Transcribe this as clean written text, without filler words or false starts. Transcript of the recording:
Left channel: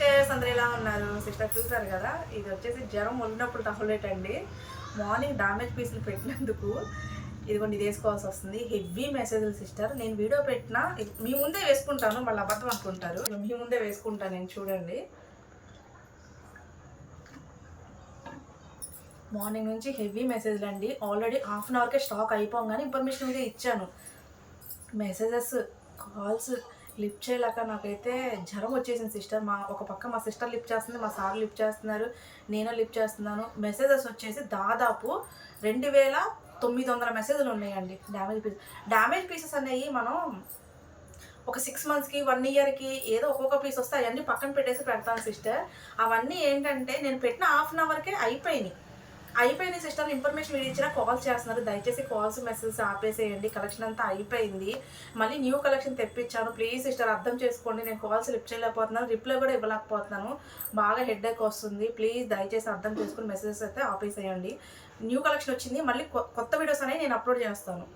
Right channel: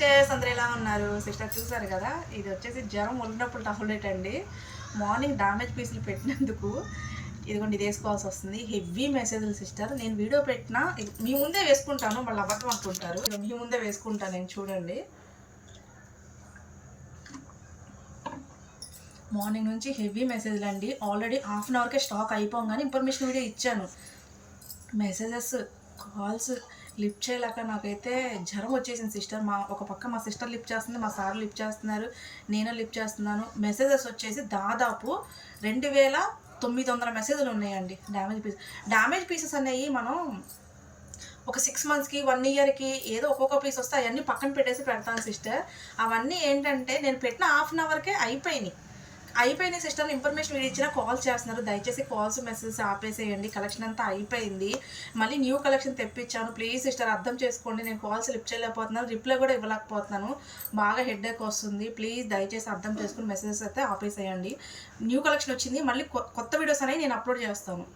Sisters అందరూ ఎలా ఉన్నారు? సిస్టర్ చూసారు కదా, ఇది వచ్చేసి జ్వరం ఉన్నప్పుడు టాబ్లెట్ అండి. మార్నింగ్ డామేజ్ పీసులు పెట్టినందుకు ఇదిగోండి ఇది వేసుకోవాల్సి వస్తుంది. హెవీ మెసేజ్లు సిస్టర్. నేను వీడియో పెట్టినా మీ ముందే వేసుకుంటాను, మళ్ళీ అబద్ధం అనుకుంటారు. మీ ముందే వేసుకుంటాను నేను, చూడండి. మార్నింగ్ నుంచి హెవీ మెసేజ్లు అండి. ఆల్రెడీ హాఫ్ అన్ అవర్కే స్టాక్ అయిపోగానే ఇన్ఫర్మేషన్ వీడియో ఇచ్చాను. మెసేజెస్, కాల్స్ లిఫ్ట్ చేయలేక నాకైతే జ్వరం వచ్చేసింది సిస్టర్. ఒక పక్క మా సిస్టర్ లిఫ్ట్ చేస్తుంది, మా సార్ లిఫ్ట్ చేస్తున్నారు, నేను లిఫ్ట్ చేస్తున్నాను. మెసేజెస్ వచ్చేసి దాదాపు 2900 మెసేజ్లు ఉన్నాయండి. డ్యామేజ్ పీసెస్ అనేవి మనం ఒక 6 మంత్స్కి 1 ఇయర్కి ఏదో ఒక్కొక్క పీస్ వస్తే అవన్నీ పక్కన పెట్టేసి పెడతాను సిస్టర్. అవన్నీ ఏంటంటే నేను పెట్టిన హాఫ్ అన్ అవర్కే అయిపోయిన సిస్టర్లు ఇన్ఫర్మేషన్ వీడియో ఇచ్చినా కాల్స్ చేస్తున్నారు. దయచేసి కాల్స్ మెసేజెస్ ఆపేసేయండి. కలెక్షన్ అంతా అయిపోయింది, మళ్ళీ న్యూ కలెక్షన్ తెప్పించాను. ప్లీజ్ సిస్టర్ అర్థం చేసుకోండి. నేను కాల్స్ లిఫ్ట్ చేయలేకపోతున్నాను, రిప్లై కూడా ఇవ్వలేకపోతున్నాను. బాగా హెడ్ఏక్ వస్తుంది. ప్లీజ్ దయచేసి అర్థం చేసుకుని మెసేజెస్ అయితే ఆపేసేయండి. న్యూ కలెక్షన్ వచ్చింది, మళ్ళీ కొత్త వీడియోస్ అనేవి నేను అప్లోడ్ చేస్తాను.